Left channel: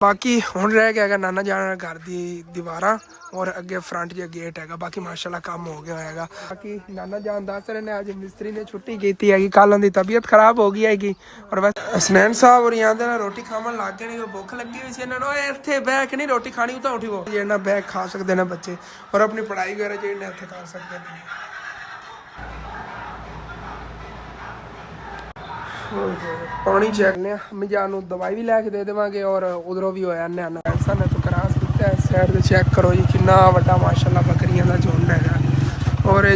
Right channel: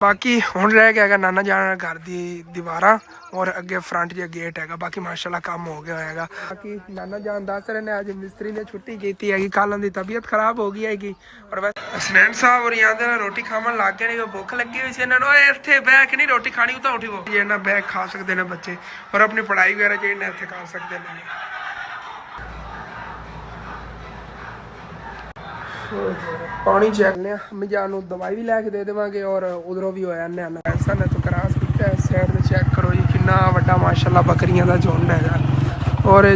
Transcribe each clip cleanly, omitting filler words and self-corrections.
बाकी हुण रह गया नाना जाना घर दी दीवारां और अगे फ्रंट जो गेट है। बाकी माशाल्लाह काम हो गया है। बाकी नाना जान दस रहे ने अज मिस्त्री ने छुट्टी की है, कल उनकी तबीयत खराब हो गई हैगी। और बस हसनैन साहब और आंदे ना रोटी खावन लग गए, भुख लगी हुई सी इन्हां इत्थे बैठ के नहीं रोटी खानी तो उठी वो इन्हां बैठ खा सकते हैं बच्चे और अपनी पढ़ाई वगैरह जो इन्हें इत्थे कर सकते हैं। पानी चेक ने अम्मी जान दवाई भी लैके दे देवांगे और उधरों भी होया ने ऐसा ने तो क्रॉस किया है। सैर चेक करो जी कितना वड्डा माशाल्लाह बकरियां दा झुंड हैगा। और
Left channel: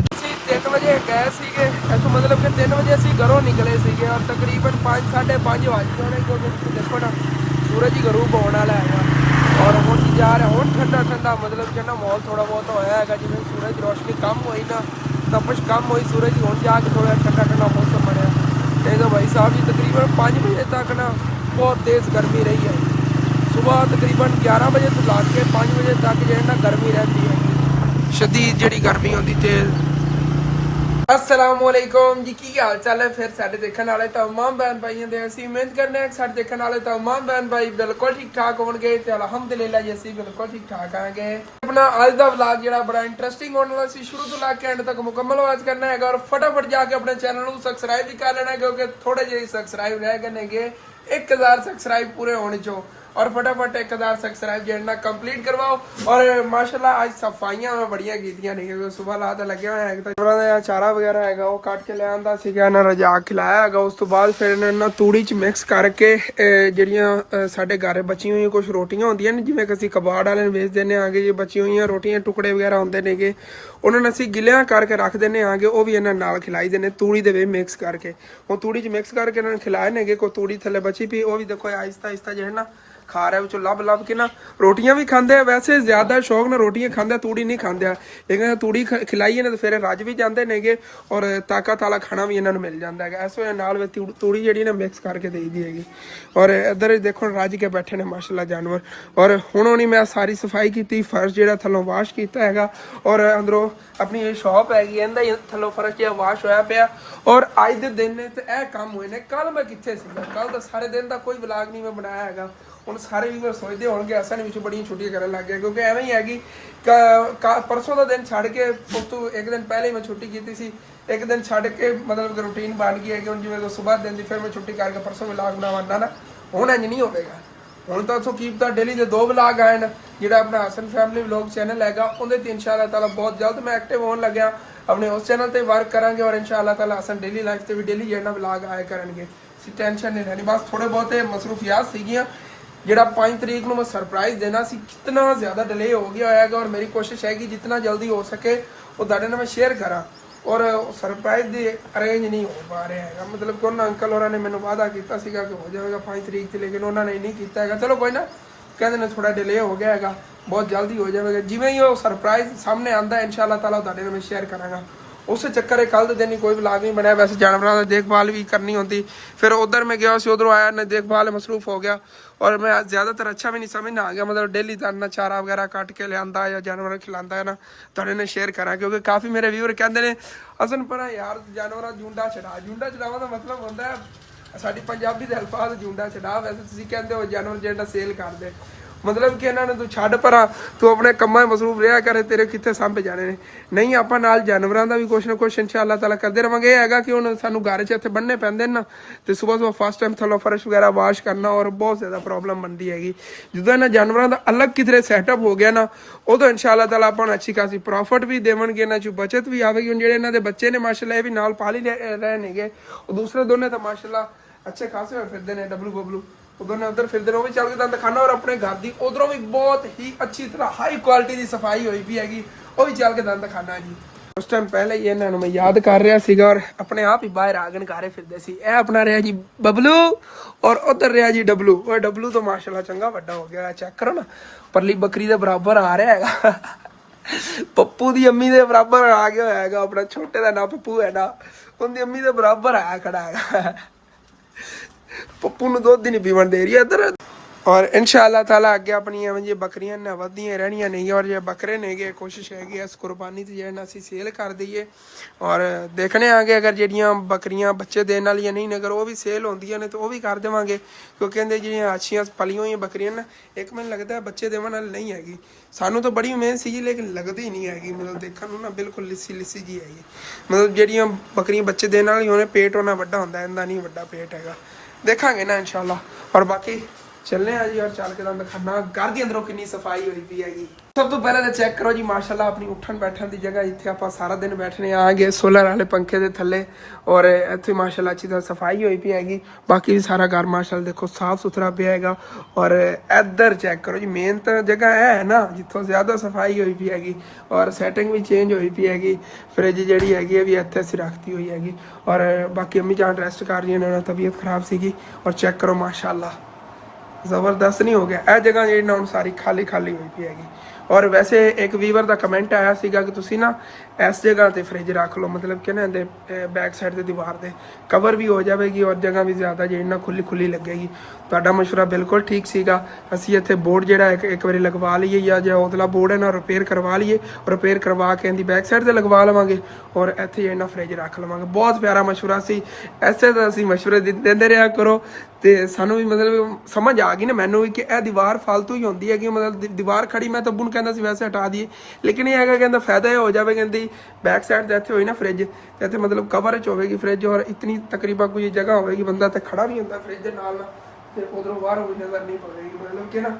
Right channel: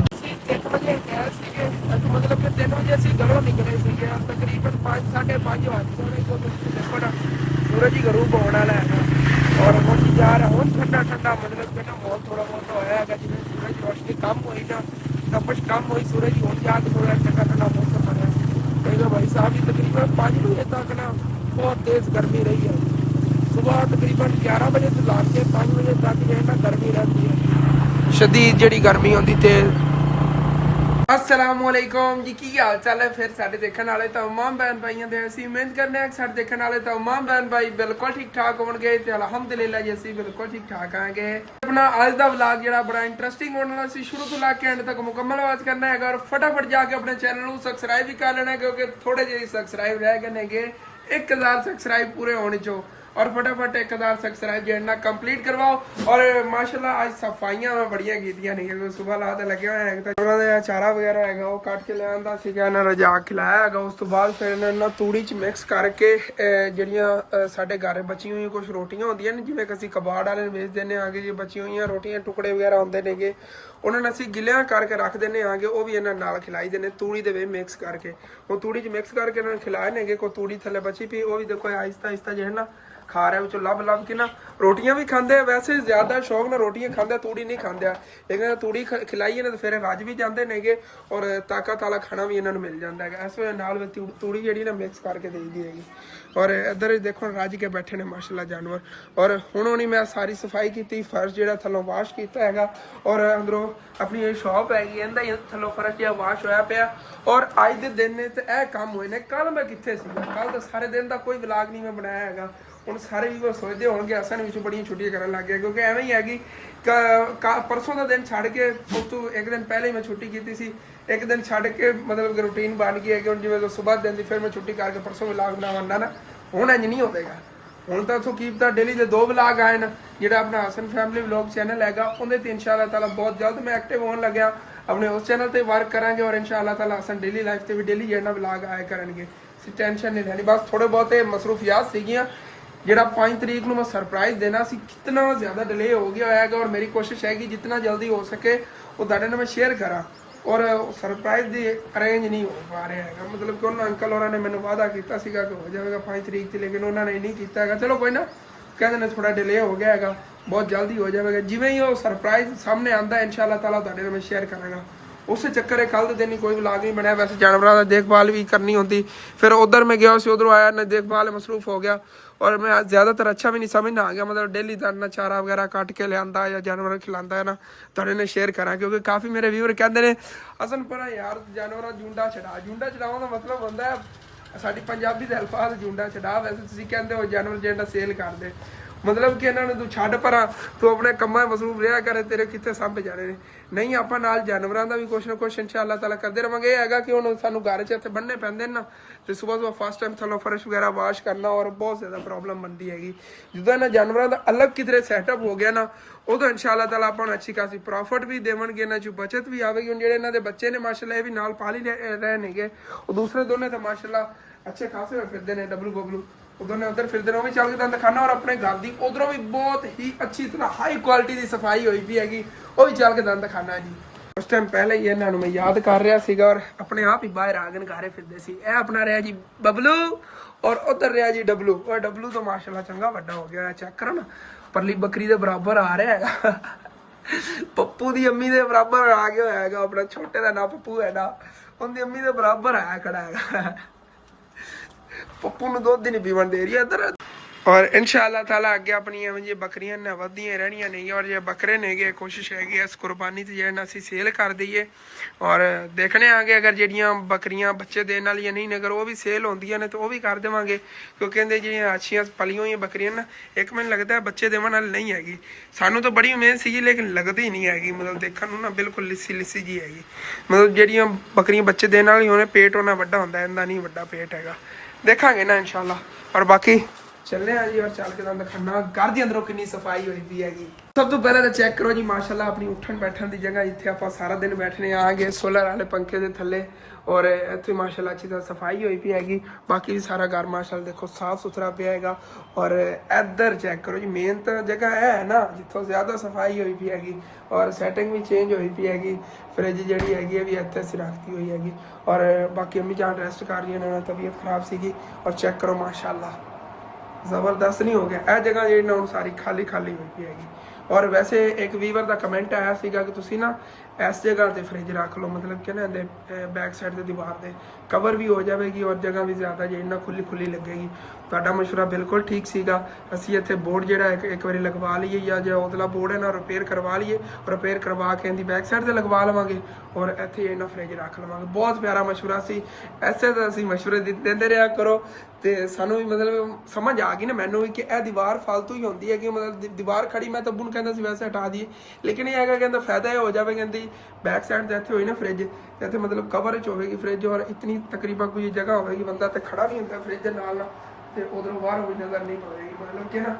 3 बजे गए सीगे तो मतलब कि 3 बजे असीं घरों निकले सीगे और तकरीबन 5 साढ़े 5 बज गए क्योंकि देखो ना सूरज ही गरूब होने वाला हैगा। और हुण जा रहा हुण ठंडा ठंडा मतलब कि ना माहौल थोड़ा बहुत होया हैगा, जिवें सूरज रोशनी कम हुई ना तपश कम हुई सूरज की, हुण जाके थोड़ा ठंडा ठंडा मौसम बनया। देखो भाई साहब जी तकरीबन 5 बजे तक ना बहुत तेज़ गर्मी रही है। सुबह तकरीबन 11 बजे तो ला के 5 बजे तक जो है ना गर्मी रहती है, शदीद जी गर्मी होती तेज़। अस्सलामुअलैकुम जी, की हाल चाल है फिर साढ़े देखने वाले तमाम बहन भाइयों के। असीं उम्मीद करने हैं कि साढ़े देखने वाले तमाम बहन भाई बिल्कुल ठीक ठाक होंगे तो अलहमदुलिल्लाह जी असीं बिल्कुल ठीक ठाक आएंगे। अपना अज का व्लॉग जो बड़ा इंटरेस्टिंग होने वाला सी, शुरू तो लैके एंड तक मुकम्मल आवाज करना है और फटाफट जाके अपने चैनल को सबसक्राइब भी कर लेना है क्योंकि थोड़े जे सबसक्राइब रह गए ने 1000 सबसक्राइब पूरे होने चो और फटाफट 1000 सबसक्राइब जो है कंप्लीट करवाओ। और माशाल्लाह आज सफाइयां मैं बढ़िया कीतियां नहीं क्योंकि सुबह ला तो लगे हुए हैं तो चारा वगैरह है वो कट के लिया सीगा ना रजा खिलाया है। उस तो बाद फिर इन्हें तूड़ी च मिक्स करके ਜਿਹੜੀਆਂ ਸਾਡੇ ਘਰ बची हुई कुछ रोटियां होंदियां ने जिवें ਅਸੀਂ कबाड़ वाले ਵੇਚ ਦਿੰਦੇ ਆਂਗੇ ਜੇ बची हुई रोटियां टुकड़े वगैरह ਹੁੰਦੇ ਨੇਗੇ ਉਹਨਾਂ ਨੂੰ ਅਸੀਂ ਗਿੱਲਿਆਂ ਕਰਕੇ ਰੱਖ ਦਿੰਦੇ ਆਂਗੇ, ਉਹ ਵੀ ਇਹਨਾਂ ਨਾਲ ਖਿਲਾਈ ਦਿੰਦੇ ਤੂੜੀ ਦੇ ਵਿੱਚ ਮਿਕਸ ਕਰਕੇ। ਉਹ ਤੂੜੀ 'ਚ ਮਿਕਸ ਕਰਕੇ ਇਹਨਾਂ ਨੂੰ ਖਿਲਾਏ ਨੇਗੇ। ਕੋਈ ਤੂੜੀ ਥੱਲੇ ਬਚੀ ਪਈ ਉਹ ਵੀ ਦੇਖੋ ਆਹਿਸਤਾ ਆਹਿਸਤਾ ਜਿਹੜਾ ਨਾ खा रहा है ਵਿੱਚੋਂ ਲੱਭ ਲੱਭ ਕੇ ਨਾ रोटियां भी खाते हैं। वैसे ज्यादा शौक ਨਾਲ रोटियां खाते तूड़ी नहीं खाते, लेकिन तूड़ी खिलाइए ना तो फिर रज भी जाते नेगे और ताकत वाला खाना भी इन्होंने मिल जाता है। इस वजह नाल तूड़ी जी ना मिक्स करके दे दी हैगी। और इधर देखो रज के बैठे ने माशाल्लाह जानवर। और हुण होनी मैं सारी सफाई की, फर्श जो थलों वाश किया है और अंदरों अपनी शॉप हैगी इहदा थलों फर्श जो वाश होया पिया। और अज के दिन ने तो यह काम हुए ने। कल मैं कित्थे सीगा, कल तो सारे दिन का कोई व्लॉग नहीं मैं बनाया हैगा। ਹੁਣ ਸਾਰੇ ਵੀ सोचते होंगे असन भी बड़ियां छुट्टियां करन लग गए क्योंकि एवें ही हैगी परसों का दिन छड़ के उस तो एक दिन पहले ही मैं छुट्टी की सी, एक दिन छड़ के मतलब कि रूटीन बन गई है कि जिवें सुबह दिन की फिर मैं छुट्टी करके परसों व्लॉग बनावाना ना हुण इंज नहीं होवेगा। हुण तो उथों कीप डेली के 2 व्लॉग आए ना, जिहड़ा अपना हसन फैमिली व्लॉग चैनल हैगा उहदे ते इंशाअल्लाह ताला बहुत जल्द मैं एक्टिव होने लग्या अपने उस चैनल ते वर्क करांगे और इंशाअल्लाह ताला हसन डेली लाइफ ते भी डेली जिहड़ा व्लॉग आया करनगे। टेंशन नहीं लैनी, बस थोड़े बहुत मसरूफियात सीगियां ਜਿਹੜਾ 5 ਤਰੀਕ ਨੂੰ मैं सरप्राइज़ देना सी कितना ज़्यादा डिले हो गया है और मेरी कोशिश है कि जितना जल्दी हो सके वो ਤੁਹਾਡੇ ਨਾਲ मैं शेयर करा। और सरप्राइज़ ਦੀ अरेंज नहीं हो पा रहा है, मतलब कि उन्होंने अंकल होਰਾਂ ने ਮੈਨੂੰ वादा किया ਸੀਗਾ कि हो जाएगा 5 तरीक से, लेकिन उन्होंने नहीं किया है। चलो कोई ना, कहते ने थोड़ा डिले हो गया है, बहुत जल्दी हो जाएगा। जिवें ही वो सरप्राइज़ सामने आता है इंशाअल्लाह ताला ਤੁਹਾਡੇ ਨਾਲ मैं शेयर करांगा। उस चक्कर है कल के दिन ही कोई व्लॉग नहीं बनाया। वैसे जानवरों की देखभाल भी करनी होती, फिर उधर मैं गया उधरों आया ना देखभाल मसरूफ हो गया और मैं ज़्यादातर अच्छा भी नहीं समझना आ गया। मतलब डेली ना चारा वगैरह कट के लिया या जानवर खिलाता है ना थोड़े ने शेयर करा क्योंकि काफ़ी मेरे व्यूअर कहते हैं असन पर यार जानवर जूंडा छड़ावा का मतलब होता है साडी पंजाबी के अल्फाज जूंडा छड़ा। वैसे तुसीं कहते हो जानवर जो सेल कर दे, मतलब कि इन्होंने तू छड़ पर तू अपने कम्मां मसरूफ रहा करे, तेरे कितने सामभे जाने ने। नहीं आप नाल जानवरों का भी कुछ ना कुछ इंशाअल्लाह ताला करते रहांगे। यह है कि हुण सानूं घर च इत्थे बन्ने पैंदे ना तो सुबह सुबह फर्स्ट टाइम थल्लों फर्श वगैरह वाश करना और बहुत ज़्यादा प्रॉब्लम बनती हैगी। जो इन्होंने जानवरों का अलग किधरे सैटअप हो गया ना उदों इंशाअल्लाह ताला आपां नूं अच्छी खासी प्रॉफिट भी देवणगे, इन्हां चों बचत भी आवेगी। हुण जिहड़े इन्हां दे बच्चे ने माशाअल्लाह ये भी नाल पाल ही रहे नेगे और दूसरे दोनों तो माशाअल्लाह अच्छे खासे होए फिरदे ने डबलू बबलू उधर उधर फिरते वो भी चल के दंद खाना। और अपने घर की उधरों भी बहुत ही अच्छी तरह हाई क्वालिटी की सफाई हुई भी हैगी, वो भी चल के दंद खाना जी। उस टाइम पहले ही इन्होंने मैं याद कर रहा सीगा और अपने आप ही बाहर आंगन गारे फिरते सी। यह अपना रहा जी बबलू और उधर रहा जी डबलू। वो डबलू तो माशाल्लाह चंगा वड्डा हो गया, चेक करो ना परली बकरी के बराबर आ रहा है। पप्पू की अम्मी के बराबर आ गया है अपना छोटे का ना पप्पू है ना उनकी अम्मी के बराबर आया खड़ा है। पप्पू ਨੂੰ ਦੁੱਧ ਨਹੀਂ ਪੀਵਣ ਦੇ ਰਹੀ। ਇੱਧਰ और इंशाअल्लाह ताला अगे अपनी जी बकरियां ने वधियां रहनियां नहीं और जो बकरे नेगे कोशिश हैगी इस कुर्बानी से जो असी सेल कर दईए और देखने आगे अगर जड़ियाँ बकरियां बच्चे देने वाली नहीं अगर वो भी सेल होंदियां ने तो वो भी कर देवांगे क्योंकि कहते जी अच्छियां पलियों हुई बकरियां ना एक मैंने लगता है बच्चे देवन वाली नहीं हैगी सानू तो बड़ी उम्मीद सी लेकिन लगती नहीं हैगी मतलब देखने ना बिल्कुल लिस्सी लिस्सी जी हैगी मतलब जड़ियाँ बकरियां बच्चे देने वाली होने पेट उन्ना वड्डा होंदा इन्ना नहीं वड्डा पेट हैगा देखांगे ना इंशाअल्लाह और बाकी चलने जी और चल के दिखाना घर दी अंदरों कितनी सफाई हुई पी हैगी सब तो पहले तो चेक करो जी माशाल्लाह अपनी उठन बैठन की जगह इतने आप सारा दिन बैठने आएंगे सोलर वाले पंखे के थले और इतने माशाल्लाह अच्छी तरह सफाई हुई पी हैगी बाकी भी सारा घर माशाल्लाह देखो साफ सुथरा पे हैगा और इधर चेक करो जी मेन तो जगह है ना जितों ज्यादा सफाई हुई पी हैगी और सैटिंग भी चेंज हुई पी हैगी फ्रिज जी हैगी भी इतने असी रखती हुई हैगी और बाकी अम्मी जान रेस्ट कर रही है तबीयत खराब सी और चेक करो माशाल्लाह जबरदस्त नहीं हो गया यह जगह जी ना सारी खाली खाली हुई पी हैगी और वैसे एक वीवर का कमेंट आया सीगा कि तुसी ना इस जगह ते फ्रिज रख लो मतलब कि ना बैक साइड ते दीवार दे कवर भी हो जाएगी और जगह भी ज़्यादा जी ना खुली खुली लगेगी तुहाडा मशवरा बिल्कुल ठीक सीगा असी इत्थे बोर्ड जिहड़ा एक बारी लगवा लीए या जो उतला बोर्ड है ना रिपेयर करवा लीए रिपेयर करवा के इनकी बैक साइड ते लगवा लवांगे और इत्थे इन्ना फ्रिज रख लवांगे बहुत प्यारा मशवरा सी ऐसे तो असी मशवरे देंदे रहा करो तो सानू भी मतलब समझ आ गई ना मैनू भी कि यह दीवार फालतू ही होंदी है कि मतलब दीवार खड़ी मैं तब्बू नूं कहंदा सी वैसे हटा दिए लेकिन ये है कहता फायदा ये हो जाए कहती बैक साइड से इतने हुई ना फ्रिज इतने मतलब कवर च होगी फ्रिज और इतनी तकरीबन कोई जगह होगी बंदा तो खड़ा नहीं होता फ्रिज के नाल ते उधरों बाहर कोई नज़र नहीं पवेगी मतलब कि ना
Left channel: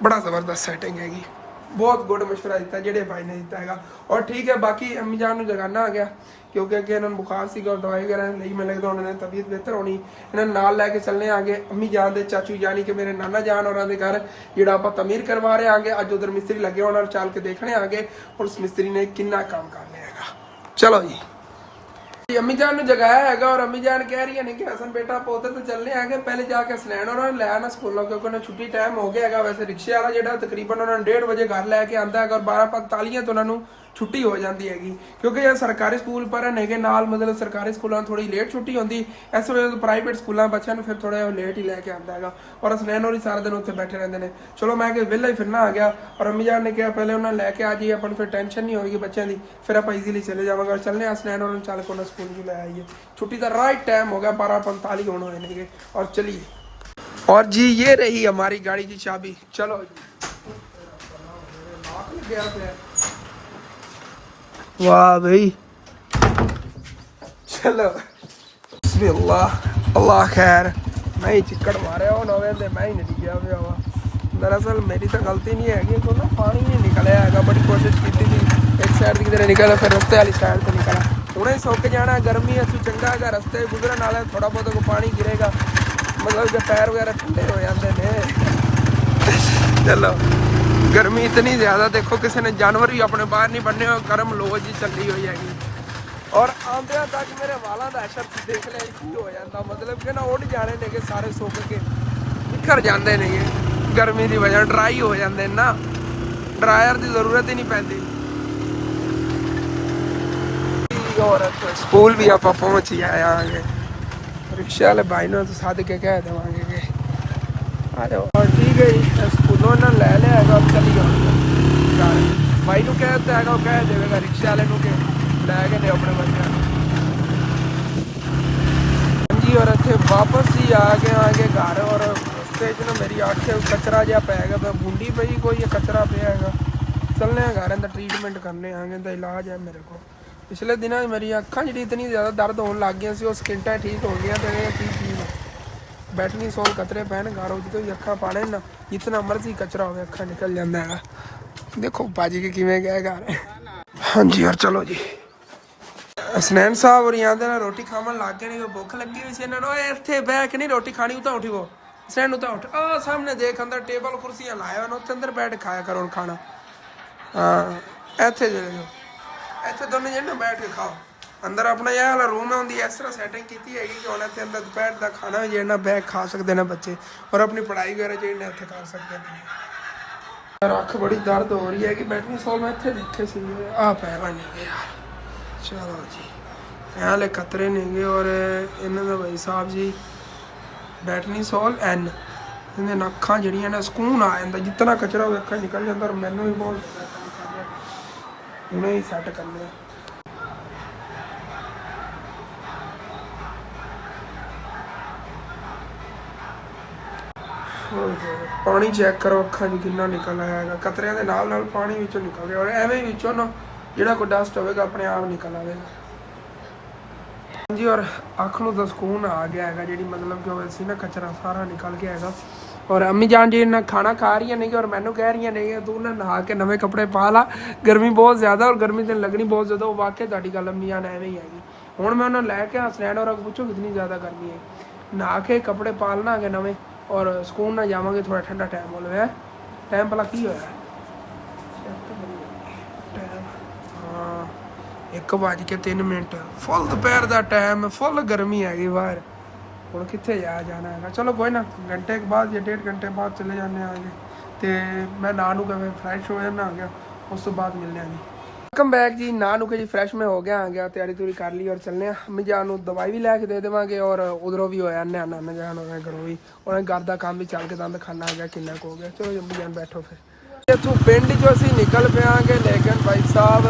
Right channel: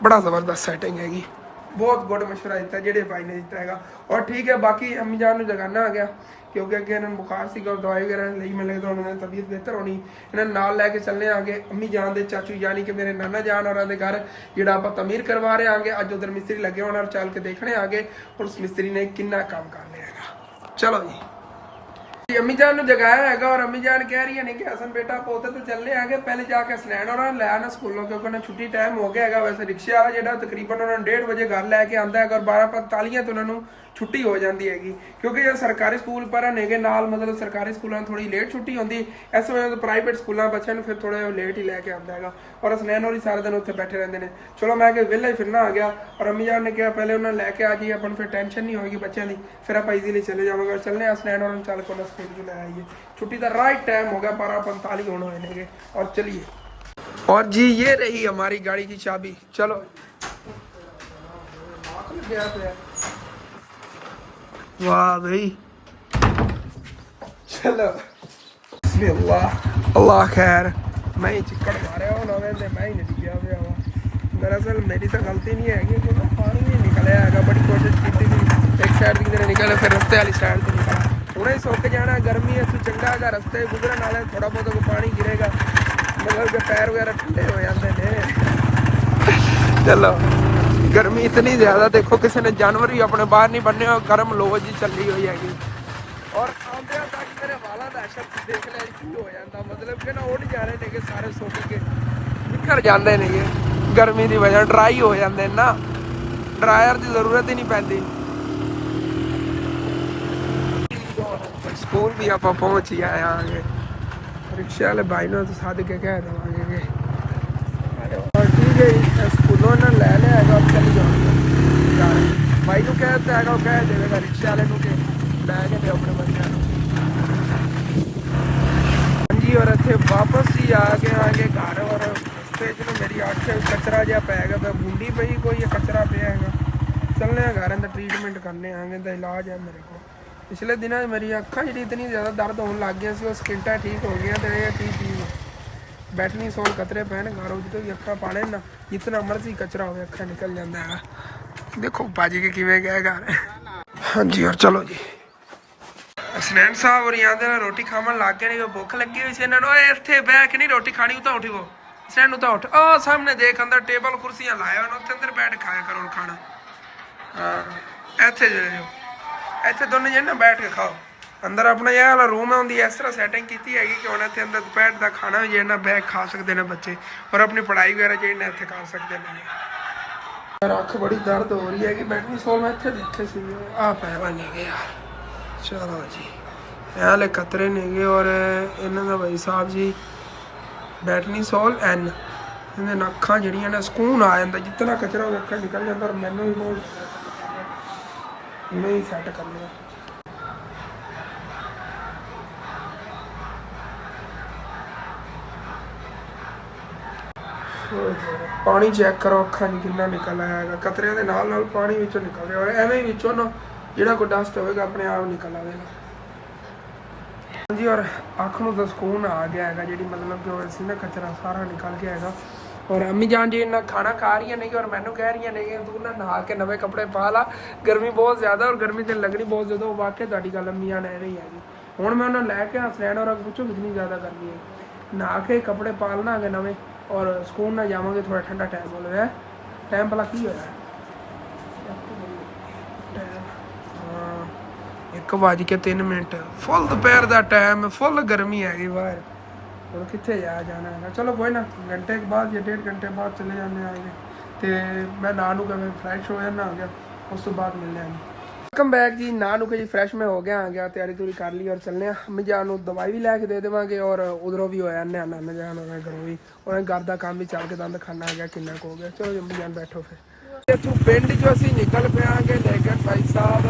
बड़ा ज़बरदस्त सैटिंग हैगी बहुत गुड मशवरा दिता जेडे भाई ने दिता है और ठीक है बाकी अम्मी जान नूं जगाना आ गया क्योंकि अगे इन्होंने बुखार सी और दवाई वगैरह ली मैं लगता उन्होंने तबीयत बेहतर होनी इन्होंने नाल लैके चलने आगे अम्मी जान दे चाचू यानी कि मेरे नाना जान और घर जोड़ा आप तमीर करवा रहे आगे अज उधर मिस्त्री लगे होना चल के देखने आगे और उस मिस्त्री ने किन्ना काम कर लिया चलो जी अम्मी जान नूं जगाया है और अम्मी जान कह रही है नहीं कि हसन बेटा आप उधर तो चलने आगे पहले जाके स्नैन उन्होंने लै आना स्कूलों क्योंकि उन्हें छुट्टी टाइम हो गया है वैसे रिक्शे वाला जो तकरीबन उन्होंने 1:30 बजे घर लैके आता है और 12:45 तो उन्होंने छुट्टी हो जाती हैगी क्योंकि जो सरकारी स्कूल पर है नाल मतलब सरकारी स्कूलों थोड़ी लेट छुट्टी होती इस वजह तो प्राइवेट स्कूलों बच्चों को फिर थोड़ा लेट ही लैके आता है और स्नैन और ही सारा दिन उत्थे बैठे रहते हैं चलो मैं कि वेला ही फिरना आ गया और अम्मी जान ने कहा पहले उन्हें लैके आ जाइए अपन फिर टेंशन नहीं होगी बच्चों की फिर आप ईजीली चले जाएंगे चलने स्नैन और चल के स्कूल भी लै आइए छुट्टी का राइट टाइम हो गया 12:45 होने होने और चलिए और जी ये रही हमारी गाड़ी की चाबी चलो गया पे वाह भाई चलो अल्लाह खैर मैं ही चिक्कड़ मारे हो नवे ते मैं ही नहीं गया पे हुआ दरअसल मेरी तो गलती नहीं है कि ना पानी नहीं निकलिया है बड़ी कोशिश की थी एक साइड की तरह निकला फिर रस्ते वाली साइड तो निकला हुणे सुक जाना गर्मी असू चंगा है रस्ते गुजरन वाले थोड़ा बहुत पानी गिरेगा मतलब जो पैर वगैरह ठंडे हो जाते हैं चलो गर्मी इतनी ज़्यादा देखो किसी ने जानवर भी अपने बाहर नहीं बनने और गर्म लो जी चली हुई हैगी और आंदे तक मेरे वालों का असर देख लिया की हो जाता मतलब कि ना उड़ जा रहे ने सारे सुक के निकल जाते हैं गर्मी की वजह ड्राई हो जाते हैं ना ड्रायर की जरूरत ही नहीं पैंती और स्कूल भी आप पहुँच ही आएंगे रिक्शे वाले भाई ने तो सद के कह देवांगे कि और ठीक है स्कूलों ने लै लिया है और चली जाऊँगा घर भाई को कहता है कह देगा रिक्शे वाले को कि लैके दे अपने बच्चों जी और इतने वापस ही आगे घर और रस्ते ना मेरी अठ कचरा जहा पै गया बूंदी पई कोई कचरा पे है चलने घर अंदर ट्रीटमेंट करने आगे तो इलाज है मेरे को पिछले दिनों मेरी अखा जी इतनी ज़्यादा दर्द होने लग गई सी स्किंटा ठीक हो गया तो ये ठीक चीज़ बैठनी सोल कतरे पैन गारो जो भी अखा पाने ना जितना मर्जी कचरा हो अखा निकल जाता है देखो भाजी के किमें गए घर हाँ जी और चलो जी हसनैन साहब और यहाँ ना रोटी खावन लग गए नहीं भुख लगी हुई सी इन्होंने इतने बह के नहीं रोटी खानी उतना उठी वो हसनैन उतना उठ आ सामने देख अंदर टेबल कुर्सियाँ लाए उत्थे अंदर बैठ खाया करो खाना हाँ इतने जो इतने दोनों जने ना बैठ के खाओ अंदर अपना यह वाला रूम है उनकी इस तरह सैटिंग की हैगी कि उन्हें इतने अंदर दोपहर का खाना भी जो बैग खा सकते हैं बच्चे और अपनी पढ़ाई वगैरह जो इतने कर सकते हैं यार अख बड़ी दर्द हो रही है कि बैठनी सोल मैं इतने देखे सी आ पैवा नहीं गए यार चलो जी हाले खतरे नहीं गए और इन्हों का भाई साहब जी बैठनी सोल एन ਇਹਦੇ ਨਾਲ ਅੱਖਾਂ ਜਿਹੜੀਆਂ ਨੇ ਸਕੂਨ ਆ ਜਾਂਦਾ, ਜਿਤਨਾ ਕਚਰਾ ਹੋਵੇ ਅੱਖਾਂ ਨਿਕਲ ਜਾਂਦਾ। ਔਰ ਮੈਨੂੰ ਵੀ ਬਹੁਤ ਜ਼ਿਆਦਾ ਤੰਗ ਕਰ ਰਿਹਾ, ਹੁਣੇ ਹੀ ਸੈੱਟ ਕਰਨੇ ਆ। ਪਾਣੀ ਚੈੱਕ ਕਰੋ ਅੱਖਾਂ 'ਚ ਕਿੰਨਾ ਨਿਕਲ ਆਇਆ ਹੈਗਾ, ਕਤਰਿਆਂ ਦੇ ਨਾਲ ਨਾਲ ਪਾਣੀ ਵਿੱਚੋਂ ਨਿਕਲ ਰਿਹਾ। ਔਰ ਐਵੇਂ ਹੀ ਵਿੱਚੋਂ ਨਾ ਜਿਹੜਾ ਕੋਈ ਡਸਟ ਹੋਵੇਗਾ ਆਪਣੇ ਆਪ ਨਿਕਲ ਆਵੇਗਾ। ਹਾਂਜੀ, ਔਰ ਅੱਖ ਨੂੰ ਤਾਂ ਸਕੂਨ ਆ ਗਿਆ ਹੈਗਾ, ਜਿਹੜੀ ਮਤਲਬ ਕਿ ਉਹ ਸੀ ਨਾ ਕਚਰਾ ਸਾਰਾ ਨਿਕਲ ਗਿਆ ਹੈਗਾ। ਔਰ ਅੰਮੀ ਜਾਨ ਜੀ ਨੇ ਖਾਣਾ ਖਾ ਰਹੀਆਂ ਨੇ ਔਰ ਮੈਨੂੰ ਕਹਿ ਰਹੀਆਂ ਨੇ ਕਿ ਤੂੰ ਨਾ ਨਹਾ ਕੇ ਨਵੇਂ ਕੱਪੜੇ ਪਾ ਲਾ, ਗਰਮੀ ਬਹੁਤ ਜ਼ਿਆਦਾ ਔਰ ਗਰਮੀ ਤੇ ਲੱਗਣੀ ਬਹੁਤ ਜ਼ਿਆਦਾ। ਉਹ ਵਾਕਿਆ ਤੁਹਾਡੀ ਗੱਲ ਅੰਮੀ ਜਾਨ ਐਵੇਂ ਹੀ ਹੈਗੀ। ਹੁਣ ਮੈਂ ਉਹਨਾਂ ਲੈ ਕੇ ਹਸਨੈਨ ਔਰ ਪੁੱਛੋ ਕਿੰਨੀ ਜ਼ਿਆਦਾ ਗਰਮੀ ਹੈ, ਨਹਾ ਕੇ ਕੱਪੜੇ ਪਾ ਲੈਣਾ ਹੈਗੇ ਨਵੇਂ ਔਰ ਸਕੂਨ ਨਾਲ ਜਾਵਾਂਗੇ। ਥੋੜਾ ਠੰਡਾ ਟਾਈਮ ਹੋ ਲਿਆ, ਟਾਈਮ ਭਲਾ ਕੀ ਹੋਇਆ ਟਾਈਮ? ਹਾਂ 1:03, ਫੁੱਲ ਦੁਪਹਿਰ ਦਾ ਟਾਈਮ, ਫੁੱਲ ਗਰਮੀ ਹੈਗੀ ਬਾਹਰ। ਹੁਣ ਕਿੱਥੇ ਜਾਣਾ ਹੈਗਾ। ਚਲੋ ਕੋਈ ਨਾ, ਘੰਟੇ ਕੇ ਬਾਅਦ ਜਾਂ 1.5 ਘੰਟੇ ਬਾਅਦ ਚਲੇ ਜਾਂਦੇ ਆਗੇ। ਤੇ ਮੈਂ ਨਹਾ ਨੂੰ ਕੇ ਫਰੈਸ਼ ਹੋ ਜਾਣਾ ਆ ਗਿਆ, ਉਸ ਤੋਂ ਬਾਅਦ ਮਿਲਦੇ ਹਾਂ ਜੀ। ਵੈਲਕਮ ਬੈਕ ਜੀ। ਨਹਾ ਨੂੰ ਕੇ ਜੀ ਫਰੈਸ਼ ਮੈਂ ਹੋ ਗਿਆ ਆ ਗਿਆ, ਤਿਆਰੀ ਤੁਰੀ ਕਰ ਲਈ ਔਰ ਚੱਲਦੇ ਹਾਂ। ਅੰਮੀ ਜਾਨ ਨੂੰ ਦਵਾਈ ਵੀ ਲੈ ਕੇ ਦੇ ਦੇਵਾਂਗੇ ਔਰ ਉਧਰੋਂ ਵੀ ਹੋਇਆ ਨਾਨਾ ਜਾਨ ਉਹਨਾਂ ਘਰੋਂ ਵੀ, ਉਹਨਾਂ ਘਰ ਦਾ ਕੰਮ ਵੀ ਚੱਲ ਕੇ ਦੰਦ ਖਾਣਾ ਆ ਗਿਆ ਕਿੰਨਾ ਕੁ ਹੋ ਗਿਆ। ਚਲੋ ਅੰਮੀ ਜਾਨ ਬੈਠੋ ਫਿਰ। ਇੱਥੋਂ ਪਿੰਡ 'ਚੋਂ ਅਸੀਂ ਨਿਕਲ ਪਿਆਂਗੇ, ਲੇਕਿਨ ਭਾਈ ਸਾਹਿਬ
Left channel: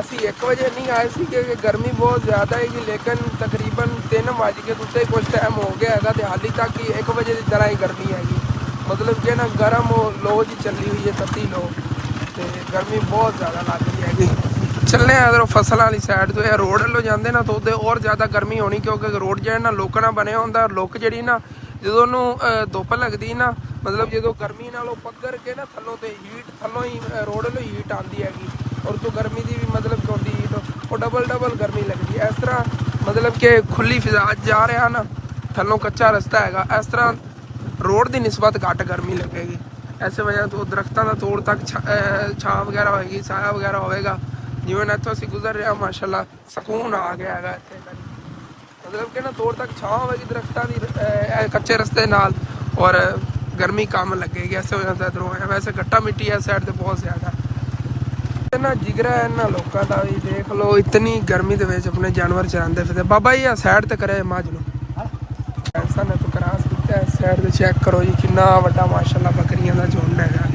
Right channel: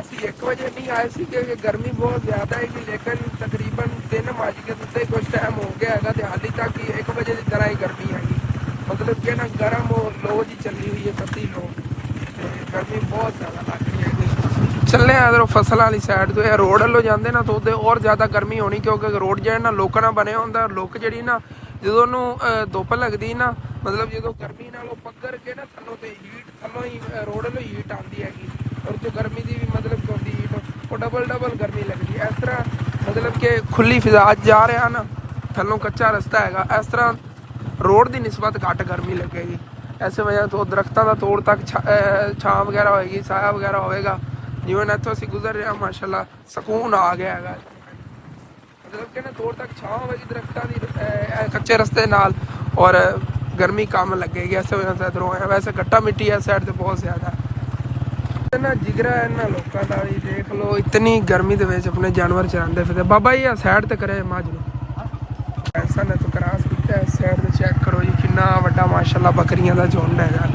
ਅਸੀਂ 1 ਵਜੇ ਨਹੀਂ ਆਏ ਸੀ ਕਿ ਗਰਮੀ ਬਹੁਤ ਜ਼ਿਆਦਾ ਹੈਗੀ, ਲੇਕਿਨ ਤਕਰੀਬਨ 3 ਵੱਜ ਕੇ ਉੱਤੇ ਕੁਝ ਟਾਈਮ ਹੋ ਗਿਆ ਹੈਗਾ ਤੇ ਹਾਲੇ ਤੱਕ ਹੀ 1 ਵਜੇ ਦੀ ਤਰ੍ਹਾਂ ਹੀ ਗਰਮੀ ਹੈਗੀ। ਮਤਲਬ ਕਿ ਨਾ ਗਰਮ ਲੋ ਜੀ ਚੱਲੀ ਹੋਈ ਹੈ, ਤੱਤੀ ਲੋ, ਤੇ ਗਰਮੀ ਬਹੁਤ ਜ਼ਿਆਦਾ ਲੱਗ ਰਹੀ ਹੈਗੀ। ਚੱਲੇ ਆ ਇੱਧਰੋਂ ਫਸਲ ਵਾਲੀ ਸਾਈਡ ਤੋਂ, ਇਹ ਰੋਡ ਵੱਲੋਂ ਜਾਂਦੇ ਨਾ ਤਾਂ ਉਹਦੇ ਹੋਰ ਜ਼ਿਆਦਾ ਗਰਮੀ ਹੋਣੀ, ਕਿਉਂਕਿ ਰੋਡ ਜਿਹੜਾ ਨਾ ਲੋਕਾਂ ਨਾਲ ਬਣਿਆ ਹੁੰਦਾ। ਲੋਕ ਜਿਹੜੀ ਨਾ ਜਦੋਂ ਉਹਨੂੰ ਧੁੱਪ ਲੱਗਦੀ ਨਾ, ਮਤਲਬ ਜਦੋਂ ਗਰਮੀ ਨਾਲ ਉਹ ਪੱਗਰ ਕੇ ਨਾ ਥੱਲੋਂ ਤੇ ਹੀਟ ਥੱਲੋਂ ਹੀ ਰੋਡ ਵੱਲੋਂ ਹੀਟ ਆਉਂਦੀ ਹੈਗੀ ਔਰ ਤੋਂ ਗਰਮੀ ਦੀ ਵੀ ਮਤਲਬ ਹੁੰਦੀ ਉਹ ਡਬਲ ਗਰਮੀ ਲੱਗਦੀ। ਇਸ ਤਰ੍ਹਾਂ ਮਤਲਬ ਕਿ ਖੁੱਲੀ ਫਿਜ਼ਾ ਜਾ ਰਿਹਾ ਨਾ, ਥੱਲੋਂ ਕੱਚਾ ਰਸਤਾ ਹੈਗਾ, ਇਸ ਤਰ੍ਹਾਂ ਰੋਡ ਦੀ ਨਿਸਬਤ ਘੱਟ ਗਰਮੀ ਲੱਗੇਗੀ। ਐਸੇ ਵਜ੍ਹਾ ਤੋਂ ਦਰਖਤਾਂ ਦਾ ਤੋੜ ਤੱਕ ਛਾਂ ਵਗੈਰਾ ਹੋਏਗੀ, ਸਾਇਆ ਵਗੈਰਾ ਹੋਵੇਗਾ। ਜਿਵੇਂ ਇੱਥੋਂ ਅਸੀਂ ਗੁਜ਼ਰ ਰਿਹਾ ਮਾਸ਼ਾਅੱਲਾ ਸਕੂਨ ਆ ਗਿਆ ਹੈਗਾ ਇੱਥੇ, ਮਤਲਬ ਕਿ ਨਾ ਤੋੜ ਤੱਕ ਛਾਂ ਹੋਵੇਗੀ ਦਰਖਤਾਂ ਦੀ ਕੱਚੇ ਰਸਤੇ ਨਾਲ ਔਰ ਗਰਮੀ ਕਮ ਲੱਗੇਗੀ। ਐਸੇ ਵਜ੍ਹਾ ਤੋਂ ਇੱਧਰੋਂ ਆਇਆ। ਵੈਸੇ ਗੱਟਾ ਮਿੱਟੀ ਇਸ ਸਾਈਡ 'ਤੇ ਬਹੁਤ ਜ਼ਿਆਦਾ ਨਾ ਜਿਗਰਾ ਇਹਨਾਂ ਲੋਕਾਂ ਦਾ ਵੀ ਦੇਖ ਲਓ, ਇਤਨੀ ਗਰਮੀ ਦੇ ਵਿੱਚ ਆਪਣੇ ਜਾਨਵਰ ਚਰਾਉਂਦੇ ਫਿਰਦੇ। ਬਾਬਾ ਜੀ ਆ ਸਾਈਡ ਤੇ ਕਰੇ ਮੱਝ ਨੂੰ, ਐਸਾ ਨੇ ਤਾਂ ਕਰਾਸ ਕੀਤਾ। ਇਸ ਸਾਈਡ ਤੇ ਚੈੱਕ ਕਰੋ ਜੀ ਕਿੰਨਾ ਵੱਡਾ ਮਾਸ਼ਾਅੱਲਾ ਬੱਕਰੀਆਂ ਦਾ ਝੁੰਡ ਹੈਗਾ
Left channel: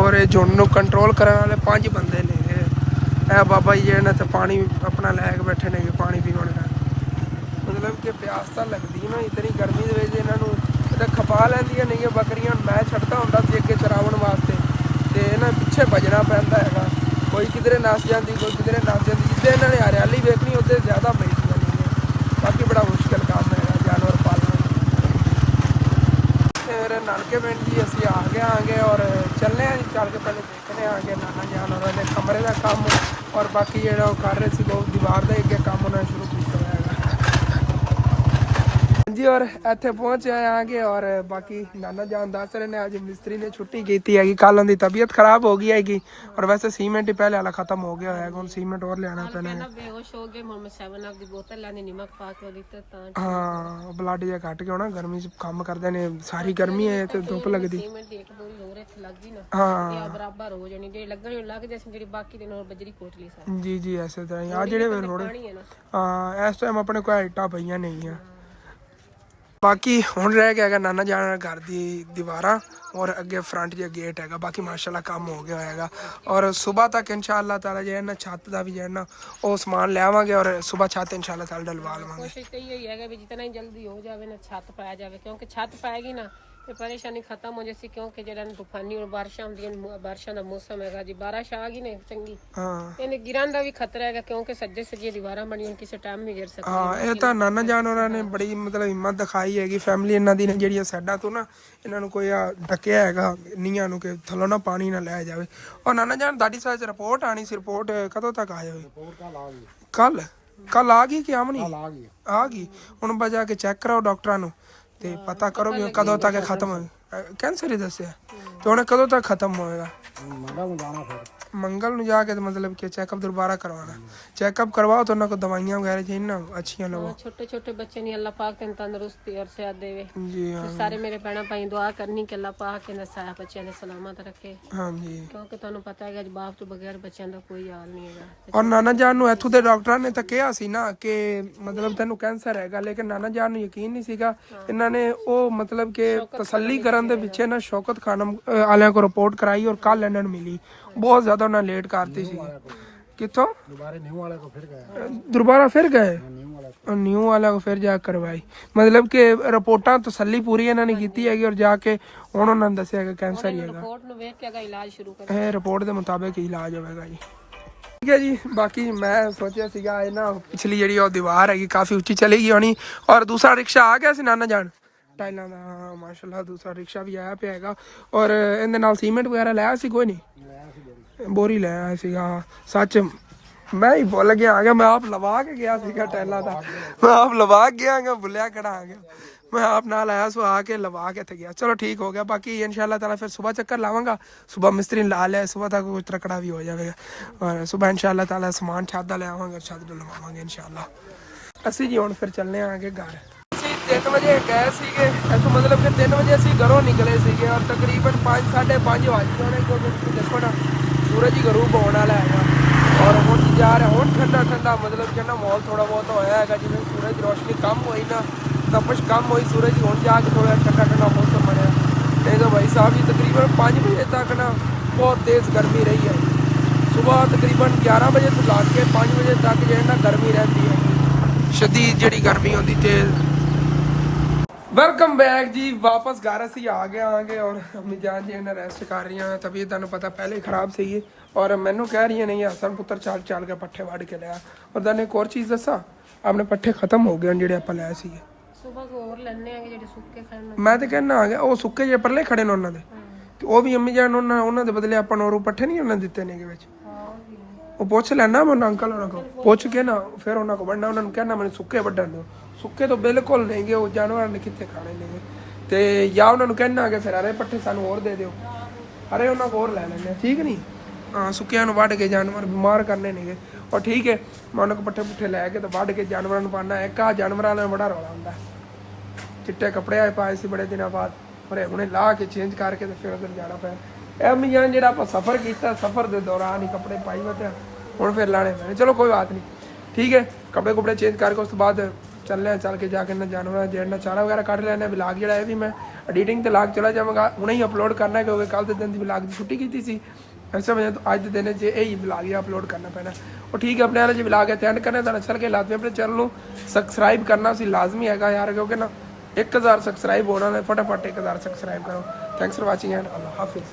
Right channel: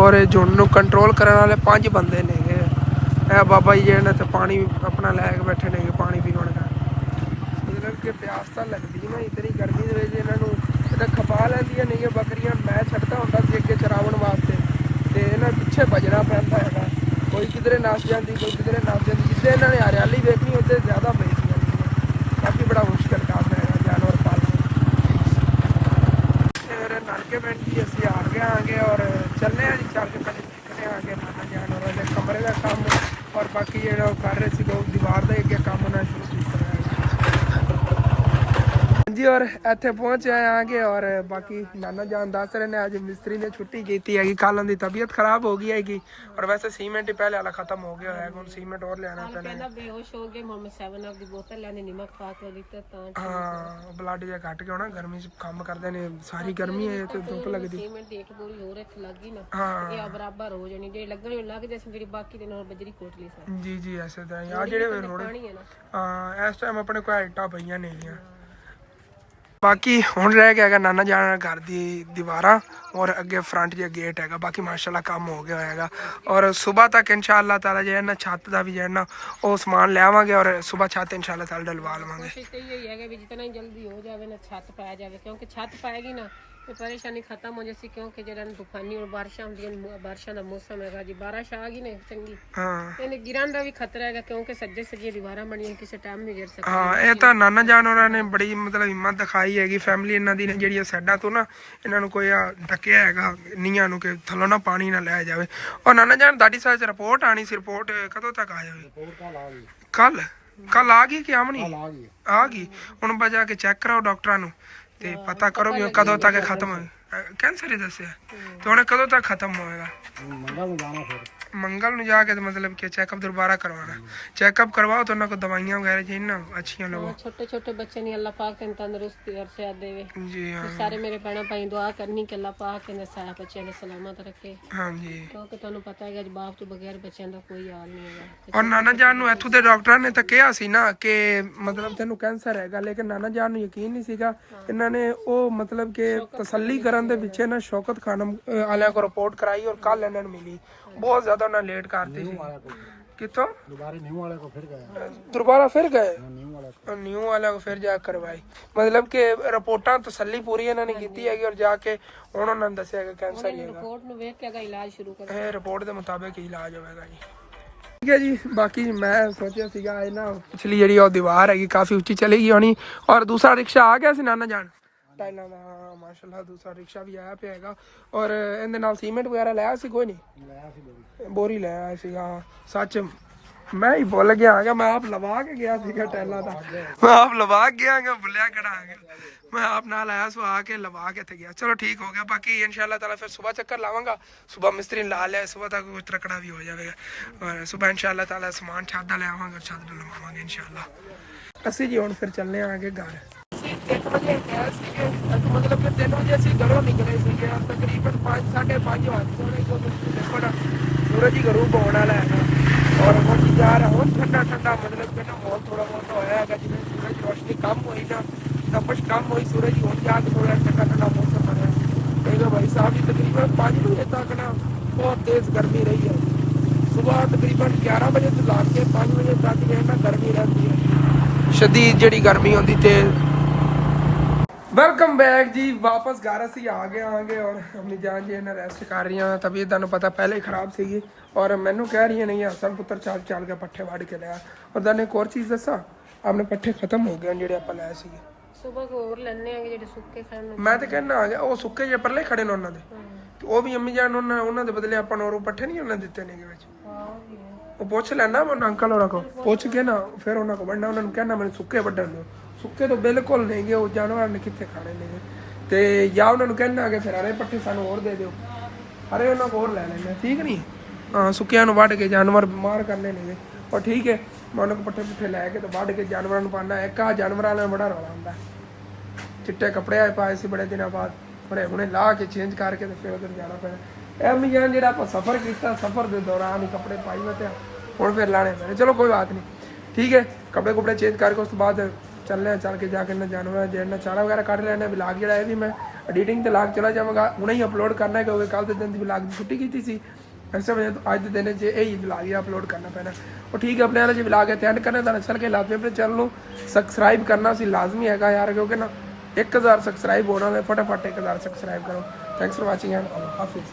ਔਰ ਇਹ ਝੁੰਡ ਨੂੰ ਕੰਟਰੋਲ ਕਰਨ ਵਾਲੇ 5 ਬੰਦੇ ਨੇਗੇ। ਇਹ ਬਾਬਾ ਜੀ ਜਿਹੜੇ ਨੇ ਤੇ ਪਾਣੀ ਆਪਣਾ ਲੈ ਕੇ ਬੈਠੇ ਨੇਗੇ, ਪਾਣੀ ਪੀਣ ਦਾ। ਮਤਲਬ ਕਿ ਪਿਆਸ ਤਾਂ ਲੱਗਦੀ ਨਾ ਇਤਨੀ ਗਰਮੀ ਦੇ ਵਿੱਚ ਇਹਨਾਂ ਨੂੰ, ਇਹ ਖਪਾ ਲੈਂਦੀਆਂ ਨਹੀਂ ਬੱਕਰੀਆਂ। ਮੈਂ ਛੱਡਦਾ ਹੁੰਦਾ ਸੀ ਅੱਗੇ ਚਰਾਉਣ ਵਾਸਤੇ ਤੇ ਇਹਨਾਂ ਪਿੱਛੇ ਭੱਜਣਾ ਪੈਂਦਾ ਹੈਗਾ, ਕੋਈ ਕਿਧਰੇ ਨੱਸ ਜਾਂਦੀ, ਕੋਈ ਕਿਧਰੇ ਨੱਸ ਜਾਂਦੀ। ਜਿੱਦਾਂ ਇਹਨਾਂ ਨੇ ਹਰਿਆਲੀ ਵੇਖਣੀ ਉੱਥੇ ਜ਼ਿਆਦਾ ਮਿਲਦੀਆਂ ਨਹੀਂ। ਬਾਕੀ ਬੜਾ ਮੁਸ਼ਕਿਲ ਕੰਮ ਹੈਗਾ ਜਾਨਵਰ ਪਾਲਣਾ। ਫਿਰ ਨਾਨਕੇ ਪਿੰਡ ਜੀ ਅਸੀਂ ਆ ਗਏ ਆਂਗੇ ਔਰ ਚੱਲਦੇ ਹਾਂ ਜੀ, ਚੱਲ ਕੇ ਪਹਿਲੇ ਦੇਖਦੇ ਆਂਗੇ ਨਾਨਾ ਜਾਨਵਰਾਂ ਦੇ ਕਮਰੇ ਦਾ ਕੰਮ ਔਰ ਬਾਕੀ ਜਿਹੜਾ ਉਹ ਕਰ ਰਹੇ ਸੀ ਲੋਕ ਦੀਵਾਰ ਦਾ ਅੱਗੇ ਕੰਮ ਉਹਨਾਂ ਨੇ ਸ਼ੁਰੂ ਕੀਤਾ ਹੈ ਜੀ। ਔਰ ਇੱਥੇ ਪਹੁੰਚ ਆਂਗੇ ਔਰ ਬਾਕੀ ਨਾਨਾ ਜਾਨ ਦੱਸ ਰਹੇ ਨੇ ਅੱਜ ਮਿਸਤਰੀ ਨੇ ਛੁੱਟੀ ਕੀਤੀ ਹੈਗੀ, ਕੱਲ ਉਹਦੀ ਤਬੀਅਤ ਖਰਾਬ ਹੋ ਗਈ ਹੈਗੀ ਔਰ ਵੈਸੇ ਸੀਮੈਂਟ ਹੀ ਪਹਿਲੇ ਵਾਲਾ ਖਤਮ ਹੋ ਗਿਆ ਹੈ, ਹੁਣ ਸੀਮੈਂਟ ਹੋਰ ਲਿਆਣਾ ਪੈਣਾ। ਬੇਹੋਸ਼ ਹੋ ਗਏ ਮੁਹੰਮਦ 7 ਅਪ ਦੀ ਬੋਤਲ ਲੈਣੇ, ਨਮਕ ਪਾ ਕੇ ਉਹਦੀ ਤੇ ਤਾਂ ਹਾਂ ਬਲੱਡ ਜਿਹਾ ਘਟ ਗਿਆ ਹੋਣਾ, ਗਰਮੀ 'ਚ ਕੰਮ ਕਰਦੇ ਨੇ, ਸਾਰੀ ਗਰਮੀ ਹੈ ਤੇ ਧੁੱਪ ਲੱਗਦੀ। ਸੀਮੈਂਟ ਦੀ ਇੱਕ ਬੋਰੀ ਹੋਰ ਇੱਥੇ ਲੱਗ ਗਈ ਨਾ, ਹਾਂ ਇਹ ਬਰਾਬਰ ਹੋ ਜਾਣੀ, ਜਿਹੜੇ ਲੱਗਣੀ ਲੱਗ ਜਾਏ, ਜਿਹੜੀ ਬਾਕੀ ਦੇ ਨਾਲ ਬਜਰੀ ਕੋਟ ਲਈ ਸਾਰੀ। ਜੀ ਜੀ ਐਸੇ ਤਰ੍ਹਾਂ ਆ ਜਿਹੜੇ ਥੋੜੇ ਹਾਂ ਇਸ ਟਾਈਮ ਆਪਣੇ ਕੋਲ ਇੱਟਾਂ ਪਈਆਂ ਨਹੀਂ ਆ। ਬਾਕੀ ਹੁਣ ਰਹਿ ਗਿਆ ਹੈਗਾ ਨਾਨਾ ਜਾਨ ਘਰ ਦੀ ਦੀਵਾਰਾਂ ਔਰ ਅੱਗੇ ਫਰੰਟ ਜਿਹਾ ਗੇਟ ਹੈਗਾ। ਬਾਕੀ ਮਾਸ਼ਾਅੱਲਾ ਕੰਮ ਹੋ ਗਿਆ ਹੈਗਾ ਔਰ ਸਵੇਰ ਤੱਕ ਇਨਸ਼ਾਅੱਲਾ ਤਾਲਾ ਜਿਹੜਾ ਨਾ ਛੱਤ ਦਾ ਵੀ ਜਿਹੜਾ ਨਾ ਉਹ ਸਮਾਨ ਲਿਆਵਾਂਗੇ ਔਰ ਸਵੇਰ ਛੱਤ ਇਨਸ਼ਾਅੱਲਾ ਤਾਲਾ ਡਲਵਾ ਲਵਾਂਗੇ। ਕੋਸ਼ਿਸ਼ ਤਾਂ ਇਹ ਹੈਗਾ ਵੀ ਜਿਤਨਾ ਹੀ ਜਲਦੀ ਹੋ ਜਾਵੇ ਨਾ ਛੱਤ ਪਾਇਆ ਜਾਵੇ, ਕਿਉਂਕਿ ਛੱਤ ਪਾਏਗੀ ਨਾ ਤੇ ਪਰੇਸ਼ਾਨੀ ਖਤਮ ਹੋ ਜਾਏਗੀ, ਕਿਉਂਕਿ ਜਿਹੜਾ ਤੂਫਾਨੀ ਔਰ ਬਾਰਿਸ਼ਾਂ ਹੁੰਦੀਆਂ, ਬਾਰਿਸ਼ਾਂ ਦਾ ਮੌਸਮ ਹੈਗਾ ਜੀ, ਬਾਰਿਸ਼ ਆ ਗਈ ਨੇ ਚੰਗੀ ਇਹਨੇ ਗਿਰਨ ਦਾ ਵੀ ਖਤਰਾ ਹੈਗਾ, ਕਿਉਂਕਿ ਸੱਜੇ ਸੱਜੇ ਦੀਵਾਰਾਂ ਬਣੀਆਂ ਕਿਸੇ ਟਾਈਮ ਵੀ ਗਿਰ ਸਕਦੀ। ਹਾਂ ਇਹ ਤਾਂ ਨਾਨਾ ਜਾਨ ਹੋਰਾਂ ਨੇ ਬੜੀ ਮਤਲਬ ਹਿੰਮਤ ਦਿਖਾਈ ਹੈਗੀ, ਫੈਮਿਲੀ ਇਹਨਾਂ ਦੀ ਨੇ ਜਿਹੜੀਆਂ ਸਾਈਡਾਂ ਤੋਂ ਨਾ ਇਹਨਾਂ ਨੂੰ ਕੋਈ ਢੱਕਿਆ ਹੈਗਾ ਨੀਆਂ ਨੂੰ ਕਿ ਥੱਲੋਂ ਨਾ ਪਾਣੀ ਨਾ ਲੈ ਜਾਵੇ। ਔਰ ਨਾਨਾ ਜਾਨ ਤੁਹਾਡੀ ਸਾਈਡ ਰਿਪੋਰਟ ਆਣੀ ਸੀ, ਰਿਪੋਰਟ ਕਦੋਂ ਤੱਕ ਆ ਜਾਵੇ? ਕੱਲ ਆ ਗਈ ਕਿ ਆਮਣੀ ਆ ਗਈ? ਹੁਣ ਬਜਾ ਕੇ ਚੈੱਕ ਕਰਾਓ ਡਾਕਟਰਾਂ ਨੂੰ ਤੇ ਪਤਾ ਕਰੋ ਕਿ ਕਦੋਂ ਤੱਕ ਖਤਮ ਹੋ। ਕੈਂਸਰ ਹੀ ਦੱਸਿਆ ਤੇ ਹੁਣ ਕਦੋਂ ਤੱਕ ਖਤਮ ਹੋਏਗਾ? ਮੰਗਲ ਨੂੰ ਜਾ ਕੇ ਤੇ ਮਤਲਬ ਕਿ ਚੈੱਕਅਪ ਦੁਬਾਰਾ ਕਰਵਾਉਣਾ। ਚੈੱਕਅਪ ਕਰਵਾਓ ਤਾਂ ਉਹਨਾਂ ਕੋ ਦਵਾਈਆਂ ਵਗੈरह चाहिए ना अच्छियां ਲਵੋ। छोटे छोटे बच्चे नहीं अल्लाह पाक तेन तंदुरुस्ती और सेहत देवे। जी हाँ सारे मेरे भैन भाई दुआ करनी कि अल्लाह पाक इन्हें सारे बच्चों ने सलामत रखे, हाँ जी। क्योंकि ਤੁਹਾਨੂੰ ਪਤਾ ਹੈ ਕਿ ਅੱਜ ਬਾਪ ਤੋਂ ਬਗੈਰ ਬੱਚਿਆਂ ਦਾ ਕੋਈ ਹਾਲ ਨਹੀਂ ਹੈਗਾ। ਔਰ ਨਾਨਾ ਜਾਨ ਨੂੰ ਇੱਥੋਂ ਦੇ ਡਾਕਟਰਾਂ ਨੇ ਤਾਂ ਕਿਹਾ ਸੀ ਨਾ ਕਿ ਮਤਲਬ ਤੈਨੂੰ ਕੈਂਸਰ ਹੈਗਾ, ਲੇਕਿਨ ਨਾਨਾ ਜਾਨ ਨੂੰ ਯਕੀਨ ਨਹੀਂ ਸੀਗਾ। ਇਹਨਾਂ ਨੇ ਉਹ ਮਤਲਬ ਕਿ ਤਸੱਲੀ ਕਰਨ ਦੇ ਪਿੱਛੇ ਨਾ ਸ਼ੌਕਤ ਖਾਨਮ ਵਾਲਿਆਂ ਕੋ ਰਿਪੋਰਟ ਕਰਾਈ ਔਰ ਕੱਲ ਇਹਨਾਂ ਨੂੰ ਮਿਲੀ। ਬਹੁਤ ਜ਼ਿਆਦਾ ਉਹਨਾਂ ਲੇਟ ਕਰਤੀ ਸੀ। ਕਿੱਥੋਂ दोबारा न्यू वाले को फिर गए, ਦੁਬਾਰਾ ਫਿਰ ਗਏ न्यू वाले को ਨਿਊ ਵਾਲਿਆਂ ਕੋ ਫਿਰ ਜਾ ਕੇ ਕਰਵਾਈ। ਮਤਲਬ ਕਿ ਰਿਪੋਰਟਾਂ ਤਸੱਲੀ ਪੂਰੀ ਇਹਨਾਂ ਨੇ ਕੀਤੀ ਹੈਗੀ ਔਰ ਜਾ ਕੇ ਹੁਣ ਉਹਨਾਂ ਨੇ ਦੱਸਿਆ ਕਿ ਕੈਂਸਰ ਹੀ ਹੈਗਾ। ਰਿਪੋਰਟ ਨੂੰ ਵੇਖ ਕੇ ਇਹਦਾ ਇਲਾਜ ਸ਼ੁਰੂ ਕਰ। ਇਹ ਰਿਪੋਰਟ ਦੇ ਮੁਤਾਬਿਕ ਹੀ ਇਲਾਜ ਹੋਵੇਗਾ ਜੀ। ਠੀਕ ਹੈ ਜੀ। ਬਾਕੀ ਮੈਂ ਸੋਚਿਆ ਸੀਗਾ ਇਹ ਨਾ ਪਿਛਲੀ ਜਿਹੜੀ ਉਹ ਦੀਵਾਰ ਹੈਗੀ ਕਾਫੀ ਉੱਚੀ ਚਲੀ ਗਈ ਹੋਣੀ। ਔਰ ਦੂਸਰਾ ਰਿਕਸ਼ਾ ਆ ਗਿਆ ਸੀ ਨਾਨਾ ਜਾਨ ਟਾਈਲਾਂ ਦਾ, ਮਾਸ਼ਾਅੱਲਾ ਦੂਸਰਾ ਰਿਕਸ਼ਾ ਵੀ ਆਇਆ ਪਿਆ ਹੈਗਾ। ਔਰ ਇਹਦੇ ਨਾਲ ਸੀਮੈਂਟ ਵਗੈਰਾ ਲਿਆ ਸੀ ਕੋਈ ਨਹੀਂ, ਬੋਰੀ ਲੈ ਆਇਆ ਸੀਗਾ। ਸੱਚ ਮੈਂ ਹੀ ਭੁੱਲ ਗਿਆ ਆ ਗਿਆ, ਮੈਂ ਆਪ ਲਵਾ ਕੇ ਗਿਆ ਸੀਗਾ ਟਾਈਲਾਂ ਦਾ, ਮੈਂ ਆਪ ਲਵਾ ਕੇ ਗਿਆ ਭੁੱਲਿਆ ਕਿਹੜਾ ਆ ਗਿਆ। ਮੈਂ ਆਪ ਨਾਲ ਆਇਆ ਸੋ ਆ ਕੇ ਲਵਾ ਕੇ ਤੇ ਗਿਆ। ਚਲੋ ਠੀਕ ਹੋ ਗਿਆ। ਬਾਕੀ इंशाल्लाह ताला फिर सुबह चक्कर लाऊंगा। सुबह मिस्त्री ला लिया, सुबह तक कुछ तकड़ा भी हो जाएगा और सुबह इंशाल्लाह ताला सामान छत दा ले आवांगे, छत डलवावांगे इंशाल्लाह। ਅਸੀਂ ਜੀ ਹੁਣ ਫਿਰ ਚੱਲਨੇ ਆਂਗੇ ਘਰ। ਅਸੀਂ 3 ਵਜੇ ਗਏ ਸੀਗੇ ਇੱਥੋਂ, ਮਤਲਬ ਕਿ 3 ਵਜੇ ਅਸੀਂ ਘਰੋਂ ਨਿਕਲੇ ਸੀਗੇ ਔਰ ਤਕਰੀਬਨ 5 5:30 ਵਜ ਗਏ ਨੇ, ਕਿਉਂਕਿ ਤੁਸੀਂ ਦੇਖੋ ਨਾ ਸੂਰਜ ਹੀ ਗਰੂਬ ਹੋਣ ਵਾਲਾ ਹੈਗਾ। ਔਰ ਹੁਣ ਜਾ ਰਿਹਾ ਹੁਣ ਠੰਡਾ ਠੰਡਾ, ਮਤਲਬ ਕਿ ਨਾ ਮਾਹੌਲ ਥੋੜਾ ਬਹੁਤ ਹੋਇਆ ਹੈਗਾ। ਜਿਵੇਂ ਸੂਰਜ ਰੋਸ਼ਨੀ ਕਮ ਹੋਈ ਨਾ, ਤਪਸ਼ ਕਮ ਹੋਈ ਸੂਰਜ ਹੁਣ ਜਾ ਕੇ ਥੋੜਾ ਠੰਡਾ ਠੰਡਾ ਮੌਸਮ ਬਣਿਆ। नहीं तो भाई साहब ये तकरीबन 5 बजे तक ना बहुत तेज़ गर्मी रही है। सुबह तकरीबन 11 बजे तो ला के 5 बजे तक जो है ना गर्मी रहती है, शदीद जी गर्मी होती तेज़। वेलकम बैक जी, वापस घर असी आ गए आगे और अम्मी जान जी ने रेस्ट कर रही हैं। तबीयत तुहानू पता पहले ही खराब सी और मैनू कह रही है नहीं हसन पुत्र चाल चाल के पट्ठे वढ़ के लिया। और तुहानू एक और चीज़ दसा, अपने पट्ठे खत्म हो गए ਜਿਹੜੇ ਆਪਾਂ ਲਏ ਸੀ। ਸੁਬਹ ਕੋ ਹੋਰ ਲੈਣੇ ਆਗੇ ਜਿਹੜੇ ਸੁੱਕੇ ਖਾਣ ਨੂੰ। ਮੈਂ ਤੇ ਕਹਿਣਾ ਆ ਗਿਆ ਉਹ ਸੁੱਕੇ ਜੇ ਪਰਲੇ ਖੜੇ ਨੇ ਉਹਨਾਂ ਦੇ, ਉਹ ਵੀ ਅੰਮੀ ਜਾਨ ਉਹਨਾਂ ਦੇ ਬਦਲੇ ਆਪਾਂ ਨੂੰ ਪੱਠੇ ਨਹੀਂ ਉਹਨਾਂ ਦਿੱਤੇ ਨੇਗੇ ਵਿੱਚ। ਉਹ ਪੁੱਛ ਲੈਣਾ ਮੈਂ ਅੰਕਲ ਹੋਰਾਂ ਕੋ, ਪੁੱਛ ਕੇ ਨਾ ਫਿਰ ਉਹਨਾਂ ਕੋ ਵੰਡਾ, ਉਹਨਾਂ ਨੂੰ ਕਹਿਣਾ ਮੈਨੂੰ ਸੁੱਕੇ ਵੱਢਣ ਦਿਓ। ਸੁੱਕੇ ਤੋਂ ਬਿਲਕੁਲ ਨਹੀਂਗੇ, ਉਹ ਜਾਨਵਰਾਂ ਨੇ ਕਿੱਥੇ ਖਾਣੇ ਨੇਗੇ। ਤੇ ਜਾਂ ਉਹਨਾਂ ਨੂੰ ਕਹਿਣਾ ਕਿ ਫਿਰ ਹਰੇ ਪੱਠੇ ਸਾਨੂੰ ਹੋਰ ਦੇ ਦਿਓ, ਹਰੇ ਉਹਨਾਂ ਕੋ ਹੋਰ ਲੈ ਲੈਣੇ, ਠੀਕ ਨਹੀਂ। ਹਾਂ ਸੁੱਕਿਆਂ ਨੂੰ ਵੱਢ ਕੇ ਜਾਨਵਰ ਬਿਮਾਰ ਕਰਨੇ ਨੇਗੇ। ਔਰ ਠੀਕ ਹੈ ਮੈਂ ਉਹਨਾਂ ਕੋ ਪੱਠੇ ਪੁੱਠੇ ਲੈ ਕੇ ਤੇ ਵੱਢ ਕੇ ਜਾਨਵਰਾਂ ਨੂੰ ਪਾਣਾ। ਇੱਕ ਆ ਜਾਨਵਰਾਂ ਨਾਲ ਬੜਾ ਰੌਲਾ ਹੁੰਦਾ, ਚਿੱਟੇ ਕੱਪੜੇ ਆਏ ਪਾਏ ਸੀ ਬੜੇ ਦਿਨਾਂ ਬਾਅਦ, ਪਰ ਹੁਣੇ ਲਾ ਕੇ ਚੇਂਜ ਕਰਕੇ ਤੇ ਫਿਰ ਉਧਰ ਜਾਣਾ ਪਿਆ। ਇਹ ਅਮੀ ਜਾਨ ਜਿਹੜਾ ਆਪਾਂ ਸਫ਼ਰ ਕੀਤਾ, ਸਫ਼ਰ ਦੇ ਦੌਰਾਨ ਹੀ ਕੱਪੜੇ ਪਾਈ ਬਤੇ ਹੁਣ ਫਿਰ ਲਾਣੇ ਪੈਣੇ। ਚਲੋ ਕੋਈ ਬਾਤ ਨਹੀਂ, ਠੀਕ ਹੈ। ਕੱਪੜੇ ਕੁਪੜੇ ਚੇਂਜ ਕਰਕੇ ਉਸ ਤੋਂ ਬਾਅਦ ਚੱਲਦੇ ਹਾਂ, ਚੱਲ ਕੇ ਜਾ ਕੇ ਨਾ ਜਾਨਵਰਾਂ ਜਿਹੜਾ ਚਾਰਾ ਵਗੈਰਾ ਕੱਢ ਲੈਣੇ। ਵਲੌਗ ਜਿਹੜਾ ਇਹ ਵੀ ਮੈਂ ਐਡੀਟਿੰਗ ਤੇ ਲਾ ਕੇ ਚਲਾ ਜਾਵਾਂਗਾ, ਹੁਣੇ ਹੀ ਅਪਲੋਡ ਕਰਨਾ ਹੈ ਕਿਉਂਕਿ ਕੱਲ ਦੇ ਦਿਨ ਦੀ ਵਲੌਗ ਦੀ ਛੁੱਟੀ ਕੀਤੀ ਸੀ। ऐसे वजह तो आज के दिन च यही व्लॉग अपलोड करना पैना। और ठीक है अपने वाले जो व्लॉग है अटेंड करने का अच्छा लगे लाजमी अपने चैनल को सबसक्राइब करना सी लाजमी है यार, क्योंकि ना 1000 सबसक्राइब होना है, फटाफट 1000 सबसक्राइब करो। थैंक्स फॉर वाचिंग एंड अल्लाह हाफिज़।